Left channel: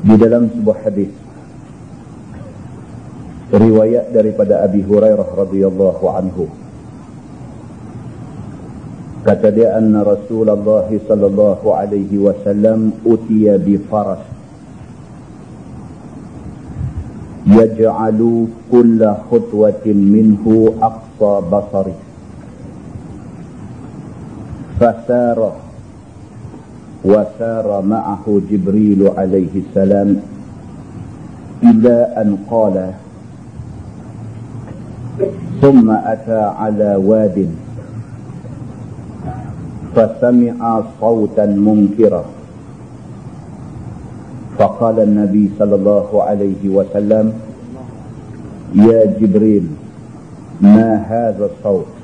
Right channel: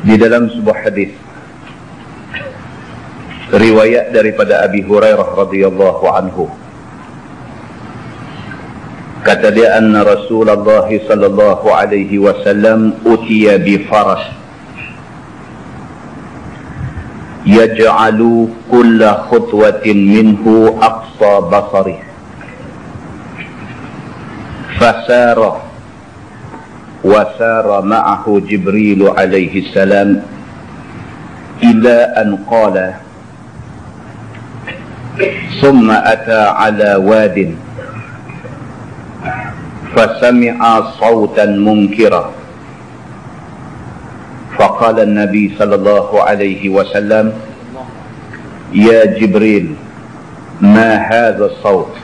Di dalam sebuah hadis riwayat daripada Abi Hurairah radhiyallahu anhu, kata dia, anna Rasulullah sallallahu alaihi wasallam utiya bi faras yaj'alu kulla khutwatin minhu aqsa basarih fasara وسار معه جبريل عليه السلام إلى أن قال ثم أتى على واد فسمع صوتا منكرا فقال النبي صلى الله عليه وسلم يا جبريل ما هذا الصوت؟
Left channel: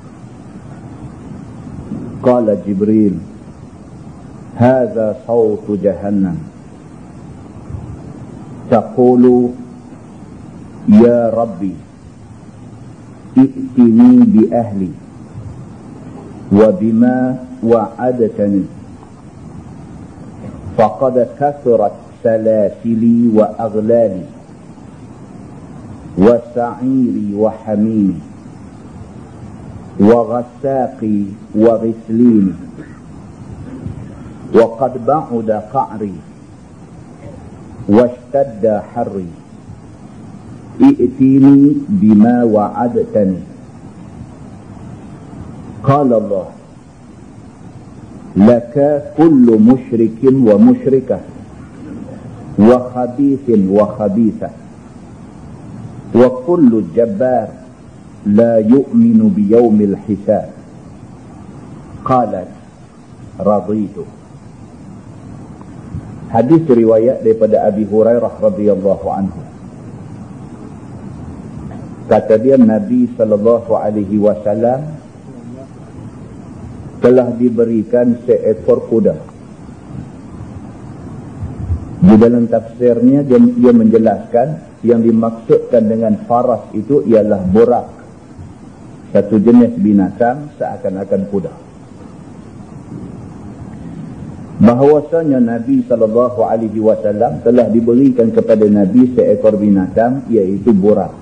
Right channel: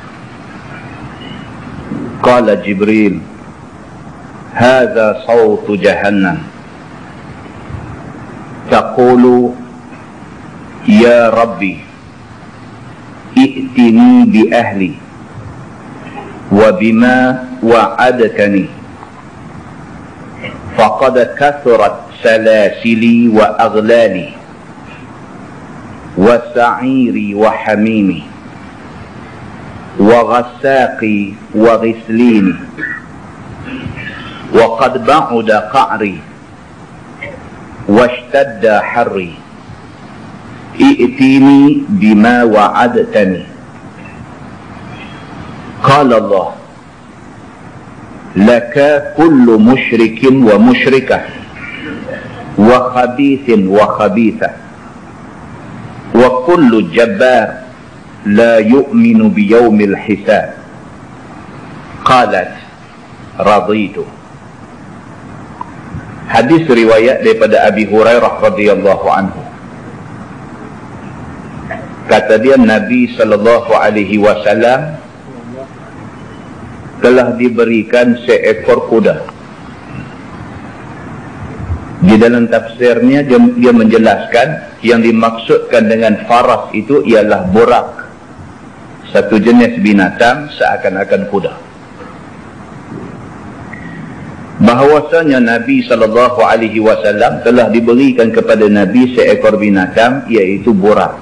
قال جبريل هذا صوت جهنم تقول يا ربي ائتني بأهلي وبما وعدتني فقد كثرت سلاسلي وأغلالي وسعيري وحميمي وغساقي وغسليني وقد بعد قعري واشتد حري ائتيني بما وعدتني. قال الله لك كل مشرك ومشركة وخبيث وخبيثة وكل جبار لا يؤمن بيوم الحساب. قالت رضيت. Hadis riwayat daripada Abi Hurairah radhiyallahu anhu. Kata dia, Nabi sallallahu alaihi wasallam telah diberikan seekor kuda. Di dalam tafsirnya dia menjelaskan yang dimaksudkan dengan faras itu ialah burak, satu jenis binatang seakan-akan kuda. Bahawasanya Nabi sallallahu alaihi wasallam telah diberikan kepada Nabi seekor binatang, iaitu burak.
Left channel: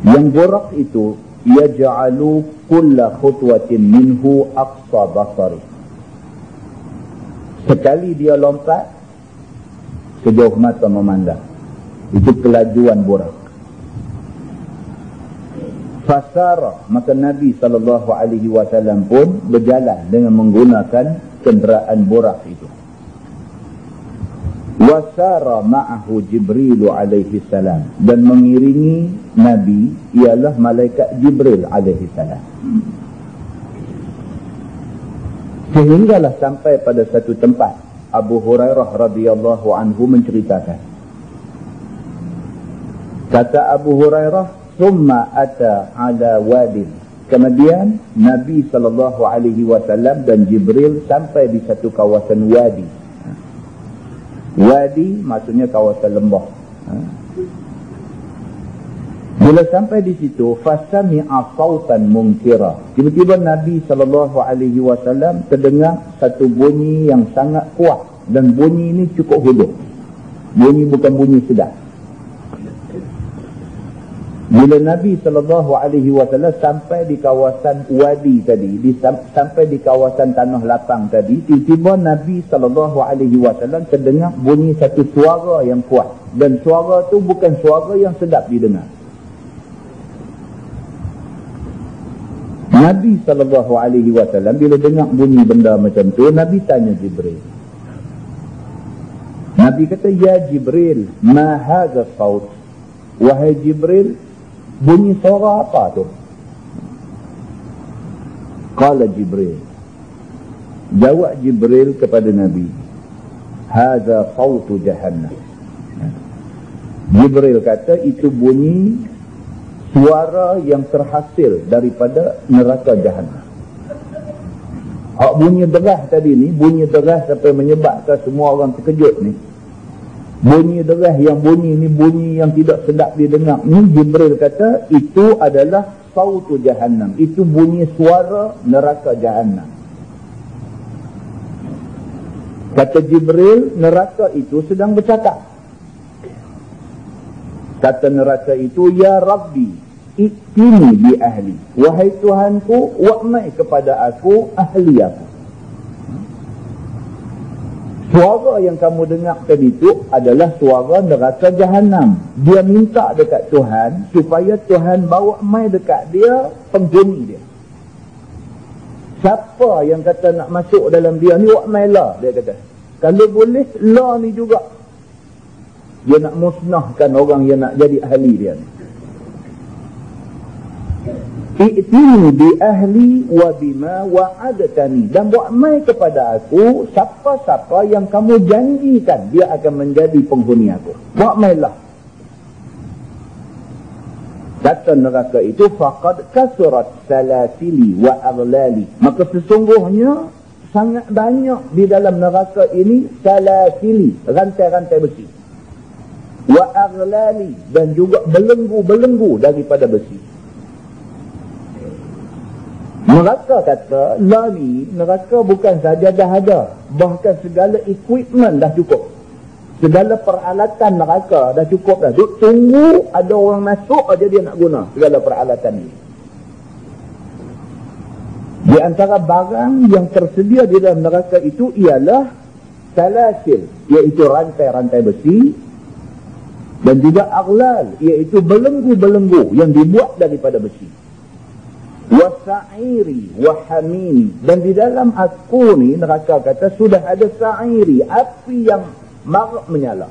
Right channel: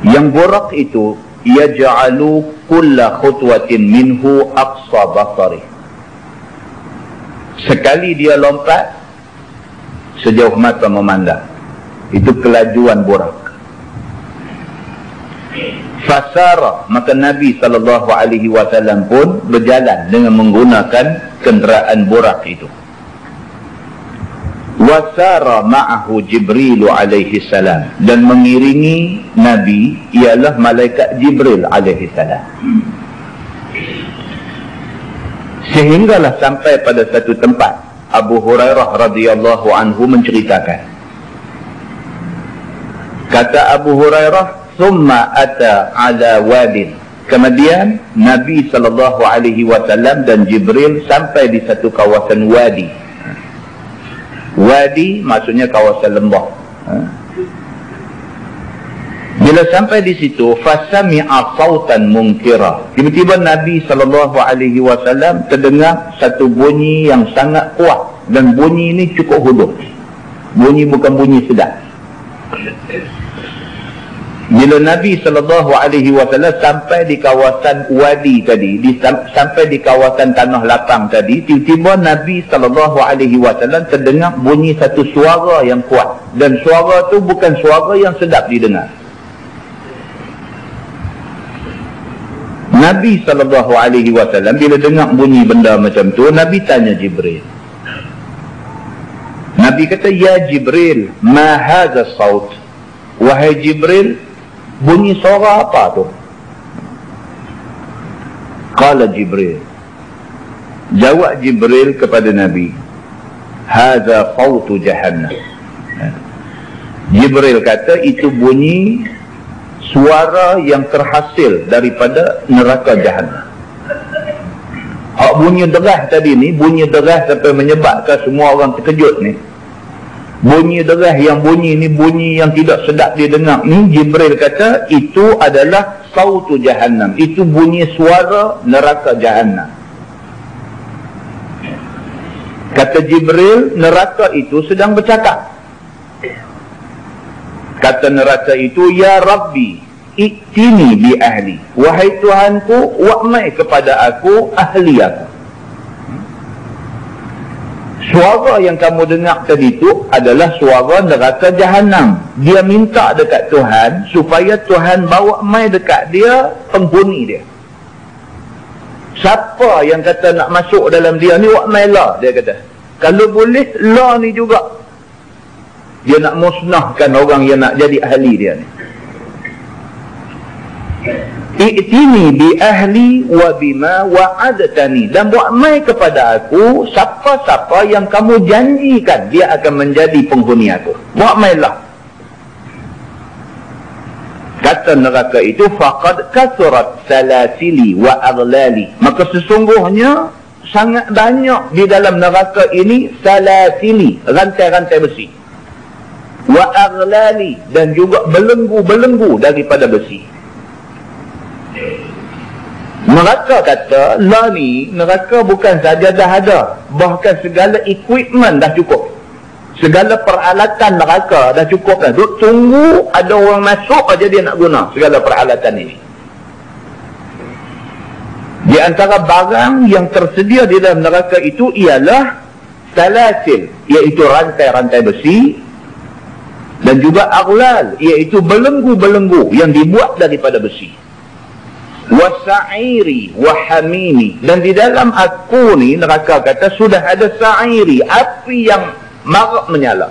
Yang burak itu yaj'alu kulla khutwatin minhu aqsa basari. Sekali dia lompat, sejauh mata memandang. Itu kelajuan burak. Fasara, maka Nabi SAW pun berjalan dengan menggunakan kenderaan burak itu. Wasara ma'ahu Jibril alaihi salam, dan mengiringi Nabi ialah malaikat Jibril alaihi salam. Sehinggalah sampai pada satu tempat, Abu Hurairah radhiyallahu anhu menceritakan. Kata Abu Hurairah, thumma ata ala wadin. Kemudian Nabi SAW dan Jibril sampai di satu kawasan wadi. Wadi maksudnya kawasan lembah. Bila sampai di situ, fasami'a sautan munkira. Tiba-tiba Nabi SAW terdengar satu bunyi yang sangat kuat, dan bunyi ini cukup hulu. Bunyi bukan bunyi sedap. Bila Nabi SAW sampai di kawasan wadi tadi, sampai di kawasan tanah lapang tadi, tiba-tiba Nabi SAW terdengar bunyi satu suara yang kuat. Dan suara tu bukan suara yang sedap didengar. Nabi SAW bila dengar bunyi benda macam tu, Nabi tanya Jibril. Nabi kata, ya Jibril, ma hadha saut? Wahai Jibril, bunyi suara apa tu? Qala Jibril, jawab Jibril kepada Nabi, hadza sautu jahannam. Jibril kata, itu bunyi suara yang terhasil daripada neraka jahannam. Hak bunyi deras tadi ni, bunyi deras sampai menyebabkan semua orang terkejut ni. Bunyi deras yang bunyi ni, bunyi yang tidak sedap didengar ni, Jibril kata itu adalah sautu jahannam. Itu bunyi suara neraka jahannam. Kata Jibril, neraka itu sedang bercakap. Kata neraka itu, ya Rabbi, i'tini bi ahli. Wahai Tuhanku, wa'mai kepada aku ahli aku. Suara yang kamu dengar tadi itu adalah suara neraka Jahannam. Dia minta dekat Tuhan supaya Tuhan bawa mai dekat dia penghuni dia. Siapa yang kata nak masuk dalam dia ni, wak mai lah, dia kata. Kalau boleh, lah ni juga. Dia nak musnahkan orang yang nak jadi ahli dia ni. I'tini bi ahli wa bima wa'adtani. Dan buat mai kepada aku siapa-siapa yang kamu janjikan dia akan menjadi penghuni aku. Buat mai lah. Kata neraka itu, faqad kasurat salasili wa aghlali. Maka sesungguhnya sangat banyak di dalam neraka ini salasili, rantai-rantai besi. Wa aghlali, dan juga belenggu-belenggu daripada besi. Neraka kata, lah ni, neraka bukan saja dah ada, bahkan segala equipment dah cukup. Segala peralatan neraka dah cukup dah. Duk tunggu ada orang masuk aja dia nak guna segala peralatan ini. Di antara barang yang tersedia di dalam neraka itu ialah salasil, iaitu rantai-rantai besi, dan juga aghlal, iaitu belenggu-belenggu yang dibuat daripada besi. Wasa'iri wahamimi, dan di dalam aku ni, neraka kata, sudah ada sa'iri, api yang marak menyala.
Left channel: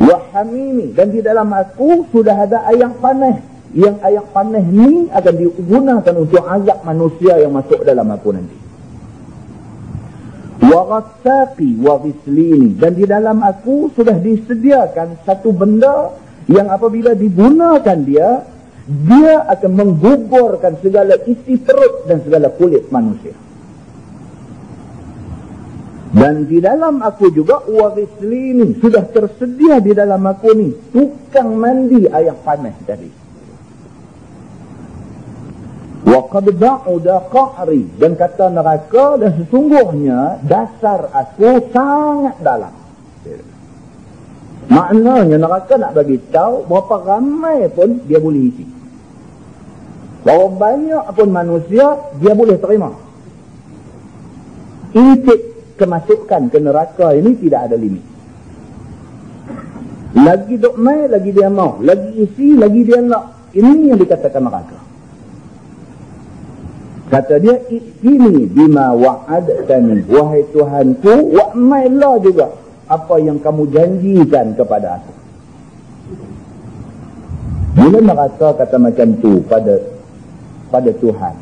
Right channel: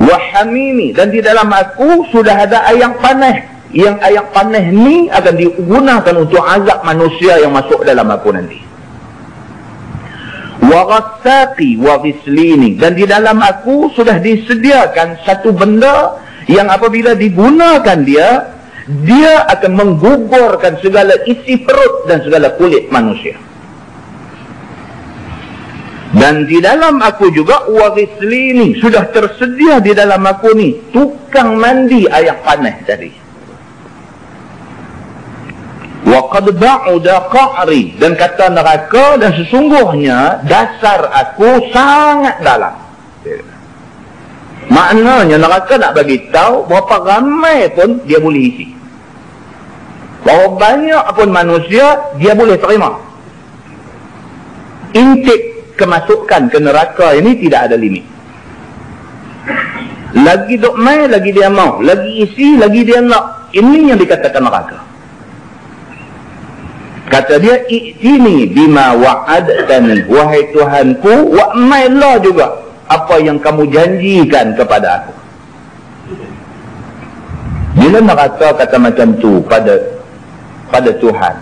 Wahamimi, dan di dalam aku sudah ada air panas, yang air panas ni akan digunakan untuk azab manusia yang masuk dalam aku nanti. Warassaqi warislini, dan di dalam aku sudah disediakan satu benda yang apabila digunakan dia akan menggugurkan segala isi perut dan segala kulit manusia. Dan di dalam aku juga warislini, sudah tersedia di dalam aku ni tukang mandi air panas tadi. Wa qad ba'uda qa'ri, dan kata neraka, dan sesungguhnya dasar aku sangat dalam. Maknanya neraka nak bagi tahu berapa ramai pun dia boleh isi. Berapa banyak pun manusia dia boleh terima. Intake kemasukan ke neraka ini tidak ada limit. Lagi duk mai, lagi dia mau. Lagi isi, lagi dia nak. Ini yang dikatakan neraka. Kata dia, i'tini bima wa'adtani. Wahai Tuhanku, wa'mailah juga apa yang kamu janjikan kepada aku. Bila neraka kata macam tu pada Tuhan,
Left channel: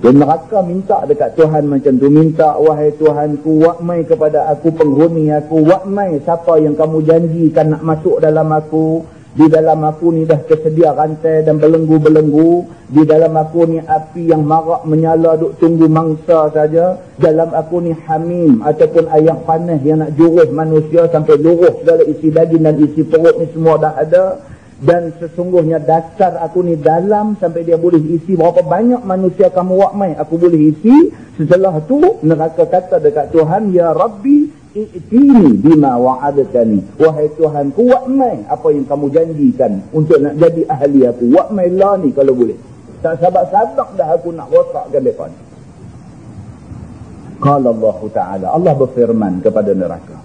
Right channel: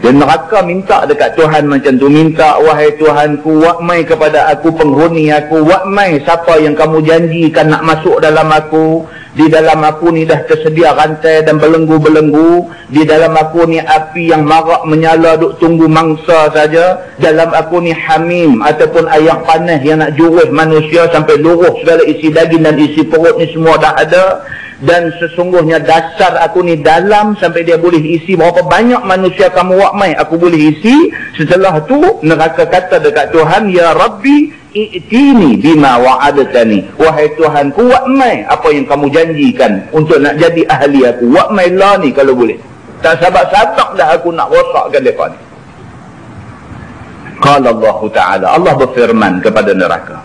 dan neraka minta dekat Tuhan macam tu, minta, wahai Tuhanku, wa'mai kepada aku penghuni aku, wa'mai siapa yang kamu janjikan nak masuk dalam aku. Di dalam aku ni dah tersedia rantai dan belenggu-belenggu. Di dalam aku ni api yang marak menyala duk tunggu mangsa saja. Dalam aku ni hamim ataupun air panas yang nak jurus manusia sampai luruh segala isi daging dan isi perut ni semua dah ada. Dan sesungguhnya dasar aku ni dalam sampai dia boleh isi berapa banyak manusia kamu wa'mai aku boleh isi. Setelah tu neraka kata dekat Tuhan, ya Rabbi i'tini bima wa'adtani. Wahai Tuhanku, wa'mai apa yang kamu janjikan untuk nak jadi ahli aku. Wa'mai lah ni kalau boleh. Tak sabar-sabar dah aku nak rosakkan mereka ni. Qala Allah Ta'ala, Allah berfirman kepada neraka.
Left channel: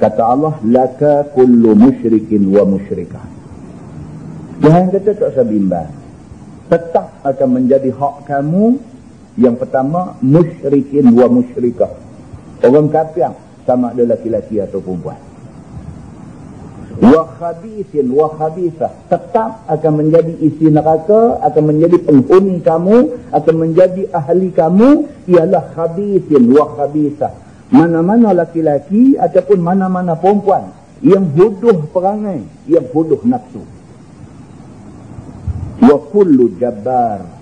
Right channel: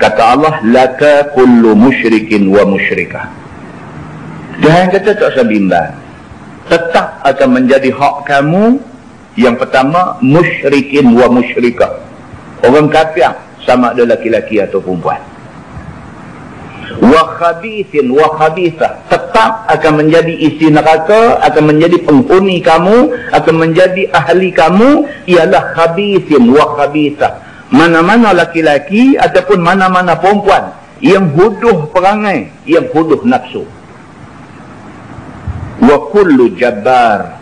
Kata Allah, laka kullu musyrikin wa musyrikah. Tuhan kata tak usah bimbang. Tetap akan menjadi hak kamu. Yang pertama, musyrikin wa musyrikah. Orang kafir, sama ada laki-laki atau perempuan. Wa khabithin wa khabithah. Tetap akan menjadi isi neraka, akan menjadi penghuni kamu, akan menjadi ahli kamu, ialah khabithin wa khabithah. Mana-mana laki-laki ataupun mana-mana perempuan yang huduh perangai, yang huduh nafsu. Wa kullu jabbar,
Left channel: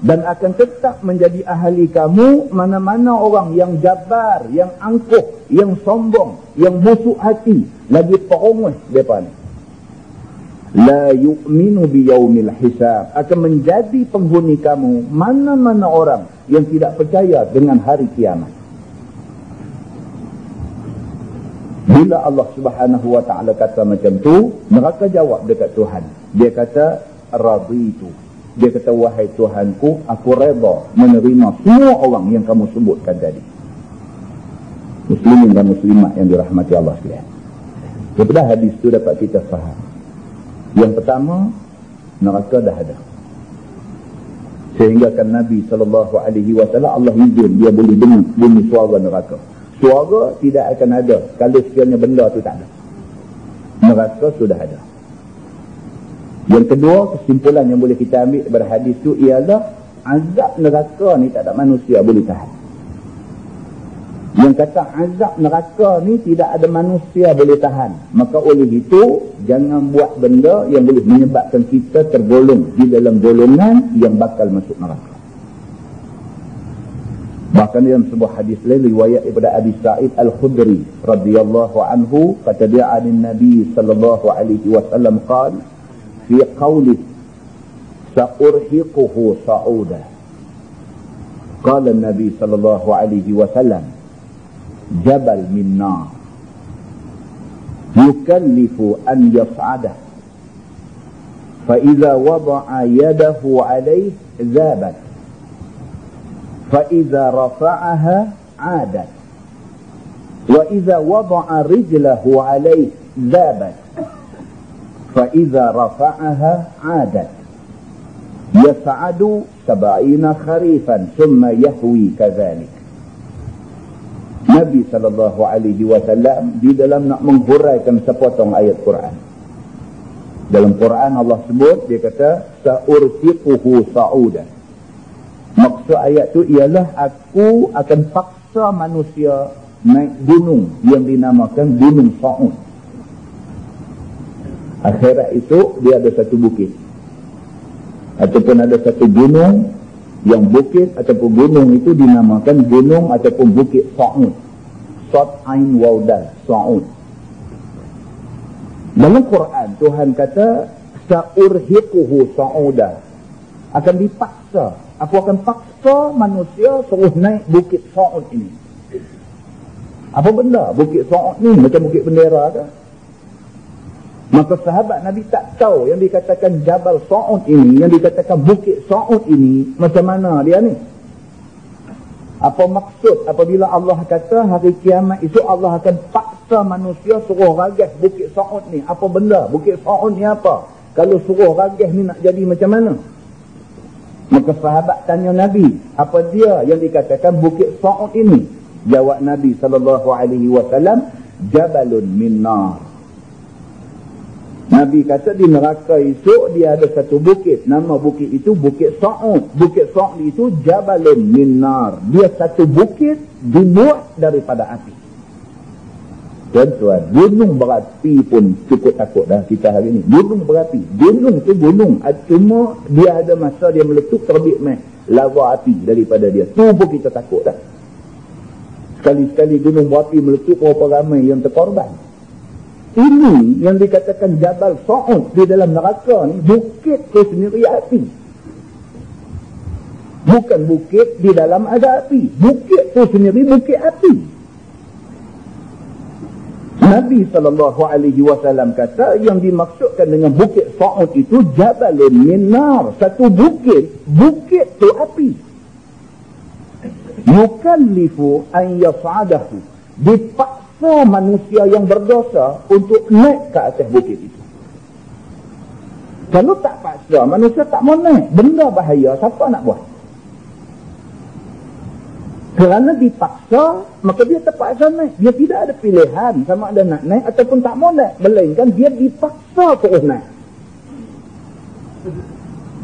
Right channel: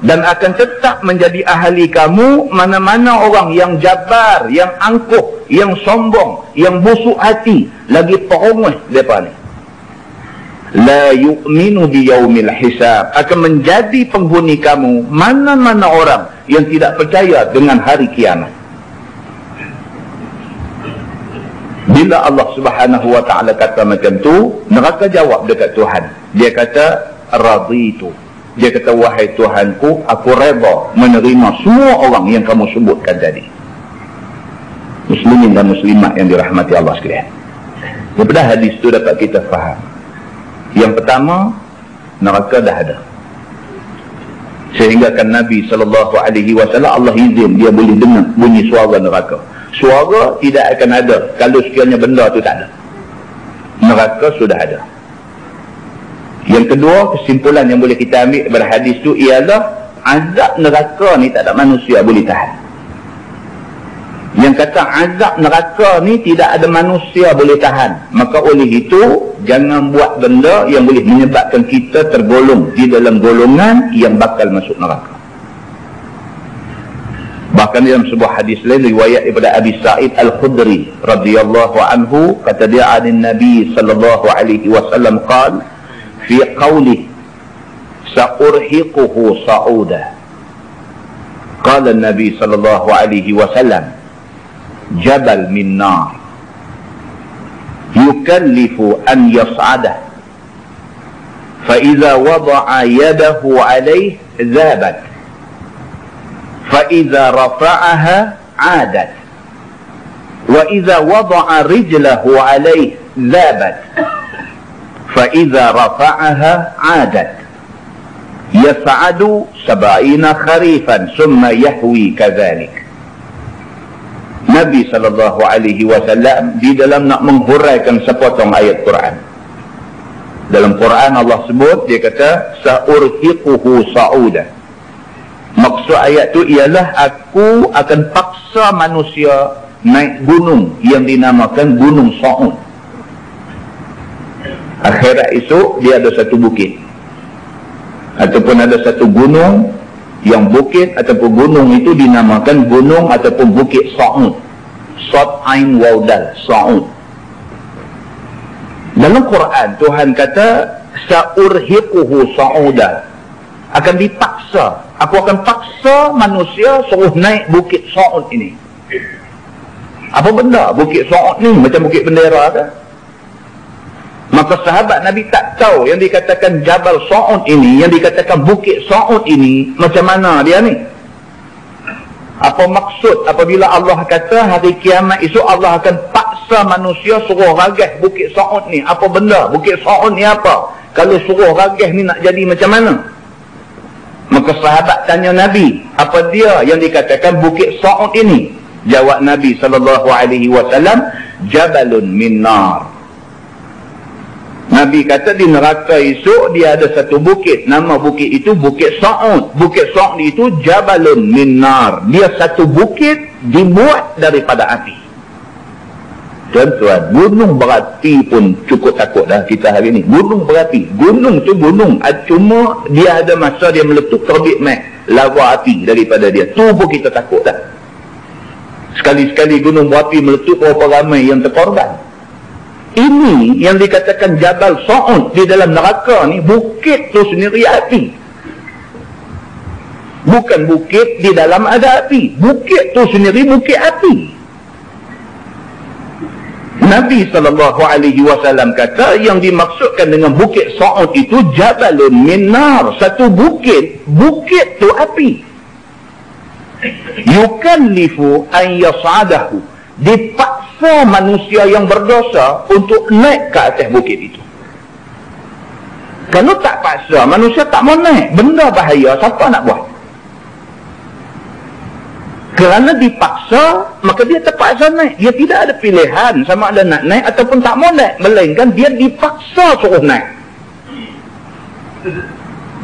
dan akan tetap menjadi ahli kamu mana-mana orang yang jabar, yang angkuh, yang sombong, yang busuk hati, lagi perongah mereka ni. La yu'minu biyaumil hisab, akan menjadi penghuni kamu mana-mana orang yang tidak percaya dengan hari kiamat. Bila Allah Subhanahu wa ta'ala kata macam tu, neraka jawab dekat Tuhan. Dia kata, raditu. Dia kata, wahai Tuhanku, aku reda menerima semua orang yang kamu sebutkan tadi. Muslimin dan muslimat yang dirahmati Allah sekalian. Daripada hadis itu dapat kita faham. Yang pertama, neraka dah ada. Sehingga kan Nabi SAW, Allah izin dia boleh dengar bunyi suara neraka. Suara tidak akan ada kalau sekiranya benda tu tak ada. Neraka sudah ada. Yang kedua, kesimpulan yang boleh kita ambil daripada hadis tu ialah azab neraka ni tak ada manusia boleh tahan. Yang kata azab neraka ni tidak ada manusia boleh tahan, maka oleh itu jangan buat benda yang boleh menyebabkan kita tergolong di dalam golongan yang bakal masuk neraka. Bahkan dalam sebuah hadis lain riwayat daripada Abi Sa'id Al-Khudri radhiyallahu anhu, kata dia anin Nabi sallallahu alaihi wasallam qala fi qawli sa'urhiquhu sa'uda. Qala Nabi sallallahu alaihi wasallam jabal min nar yukallifu an yas'adah fa idza wada'a yadahu alayhi zabat fa idza rafa'aha 'adat wa idza wada'a rijlahu alayhi zabat fa idza rafa'aha 'adat yas'adu 70 kharifan thumma yahwi kadhalik. Nabi SAW di dalam nak menghuraikan sepotong ayat Quran. Dalam Quran Allah sebut, dia kata sa'urhiquhu sa'uda. Maksud ayat tu ialah aku akan paksa manusia naik gunung yang dinamakan Gunung Sa'ud. Akhirat esok dia ada satu bukit ataupun ada satu gunung, yang bukit ataupun gunung itu dinamakan gunung ataupun bukit Sa'ud. Sad Ain Waudal, Sa'ud. Dalam Quran Tuhan kata sa'urhiquhu sa'uda, akan dipaksa, aku akan paksa manusia suruh naik bukit Sa'ud ini. Apa benda bukit Sa'ud ni? Macam bukit bendera ke? Maka sahabat Nabi tak tahu yang dikatakan Jabal Sa'ud ini, yang dikatakan Bukit Sa'ud ini, macam mana dia ni? Apa maksud apabila Allah kata hari kiamat esok Allah akan paksa manusia suruh ragah Bukit Sa'ud ni? Apa benda? Bukit Sa'ud ni apa? Kalau suruh ragah ni nak jadi macam mana? Maka sahabat tanya Nabi, apa dia yang dikatakan Bukit Sa'ud ini? Jawab Nabi SAW, Jabalun min nar. Nabi kata di neraka esok dia ada satu bukit, nama bukit itu Bukit Sa'ud. Bukit Sa'ud itu Jabalun min nar. Dia satu bukit dibuat daripada api. Tuan-tuan, gunung berapi pun cukup takut dah kita hari ni. Gunung berapi, gunung tu gunung, cuma dia ada masa dia meletup terbit lava api daripada dia. Tu pun kita takut dah. Sekali-sekali gunung berapi meletup, berapa ramai yang terkorban. Ini yang dikatakan Jabal Sa'ud di dalam neraka ni, bukit tu sendiri api. Bukan bukit di dalam ada api. Bukit tu sendiri bukit api. Nabi SAW kata yang dimaksudkan dengan Bukit Sa'ud itu Jabalun min nar. Satu bukit, bukit tu api. Yukallifu an yas'adahu. Dipaksa manusia yang berdosa untuk naik ke atas bukit itu. Kalau tak paksa, manusia tak mau naik. Benda bahaya, siapa nak buat? Kerana dipaksa, maka dia terpaksa naik. Dia tidak ada pilihan sama ada nak naik ataupun tak mau naik. Melainkan dia dipaksa suruh naik.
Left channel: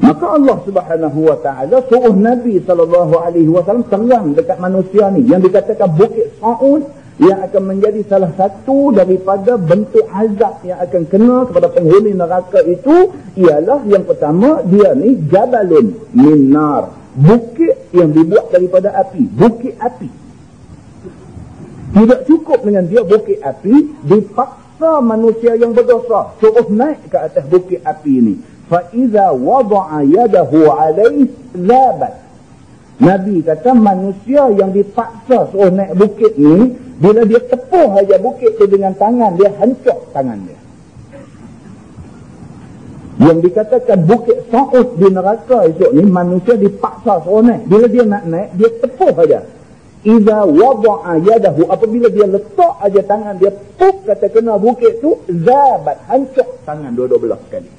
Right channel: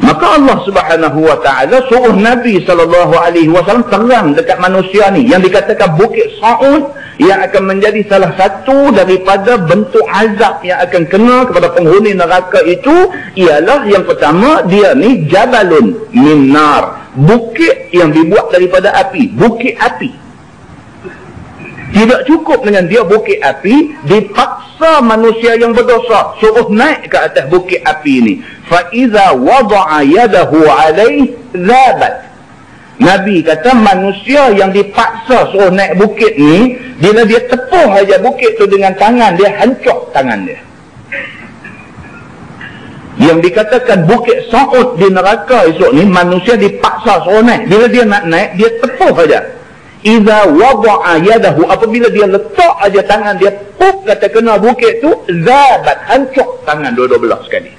Maka Allah Subhanahu wa ta'ala suruh Nabi SAW terang dekat manusia ni, yang dikatakan Bukit Sa'ud, yang akan menjadi salah satu daripada bentuk azab yang akan kena kepada penghuni neraka itu, ialah yang pertama, dia ni Jabalun min nar. Bukit yang dibuat daripada api. Bukit api. Tidak cukup dengan dia bukit api, dipaksa manusia yang berdosa suruh naik ke atas bukit api ini. Fa iza wada'a yadahu alaihi zabat. Nabi kata manusia yang dipaksa suruh naik bukit ni, bila dia tepuh aja bukit tu dengan tangan dia, hancur tangan dia. Yang dikatakan bukit Sa'ud di neraka esok ni, manusia dipaksa suruh naik. Bila dia nak naik, dia tepuh aja. Iza wada'a yadahu, apabila dia letak aja tangan dia, puk kata kena bukit tu, zabat, hancur tangan dua-dua belah sekali.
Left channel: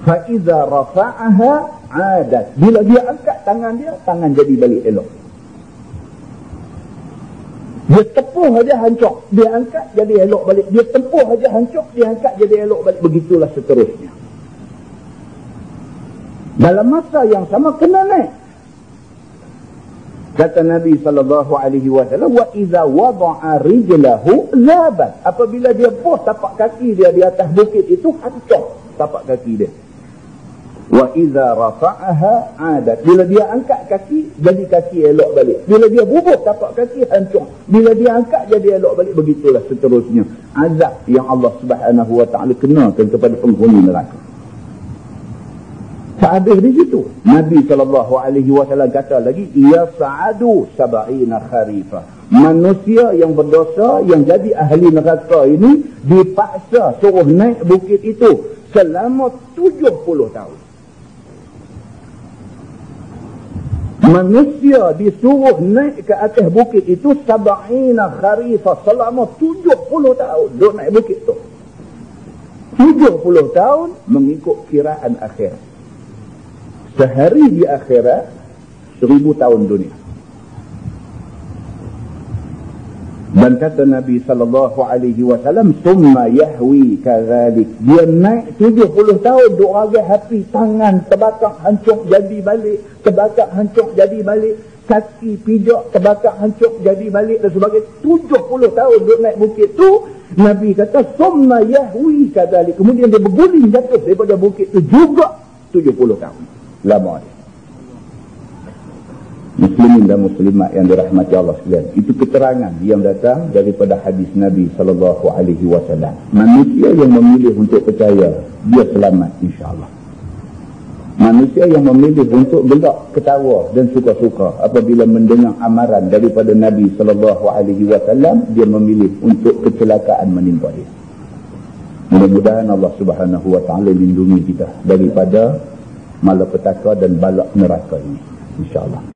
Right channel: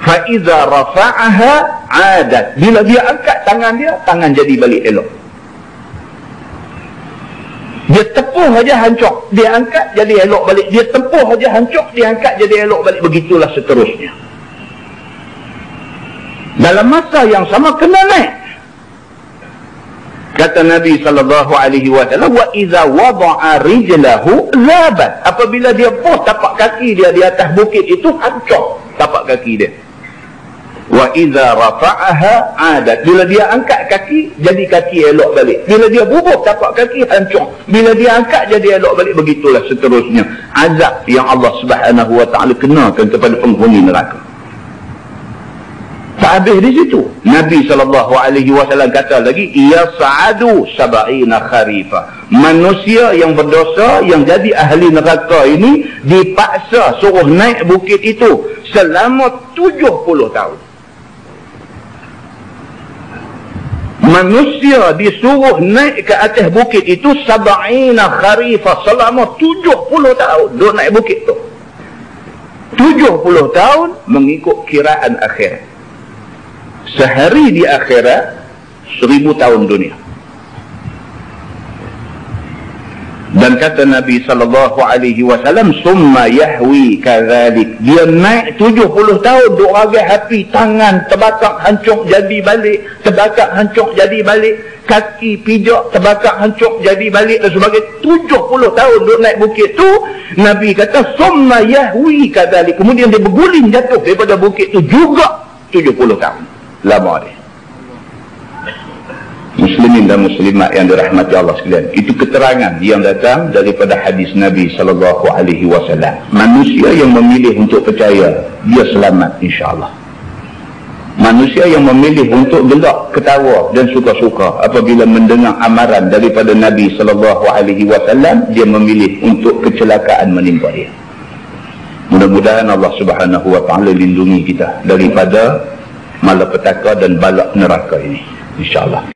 Fa'iza rafa'aha adat, bila dia angkat tangan dia, tangan jadi balik elok. Dia tepuh aja hancur, dia angkat jadi elok balik. Dia tepuh aja hancur, dia angkat jadi elok balik. Begitulah seterusnya. Dalam masa yang sama kena naik. Kata Nabi SAW, wa iza wada'a rijlahu zabat, apabila dia tapak kaki dia di atas bukit itu, hancur tapak kaki dia. Wa iza rafa'aha adat, bila dia angkat kaki jadi kaki elok balik. Bila dia bubuh tapak kaki, hancur. Bila dia angkat jadi elok balik. Begitulah seterusnya azab yang Allah Subhanahu wa taala kenakan kepada penghuni neraka. Tak habis di situ. Nabi SAW kata lagi, ya sa'adu sab'ina kharifa, manusia yang berdosa yang jadi ahli neraka ini dipaksa suruh naik bukit itu selama 70 tahun. Manusia disuruh naik ke atas bukit itu sab'ina kharifah, selama 70 tahun duduk naik bukit tu. 70 tahun mengikut kiraan akhirat. Sehari di akhirat 1000 tahun dunia. Dan kata Nabi SAW, summa yahwi kadzalik, dia naik 70 tahun duk ragai api, tangan terbakar hancur jadi balik, terbakar hancur jadi balik, kaki pijak terbakar hancur jadi balik dan sebagainya. 70 tahun duk naik bukit tu. Nabi kata summa yahwi kadzalik, kemudian dia berguling jatuh daripada bukit tu juga 70 tahun. Lama dia. Muslimin dan muslimat yang dirahmati Allah sekalian, itu keterangan yang datang daripada hadis Nabi SAW. Manusia yang memilih untuk percaya, dia selamat insya-Allah. Manusia yang memilih untuk gelak, ketawa dan suka-suka apabila mendengar amaran daripada Nabi SAW, dia memilih untuk kecelakaan menimpa dia. Mudah-mudahan Allah Subhanahu wa taala lindungi kita daripada malapetaka dan balak neraka ini insya-Allah.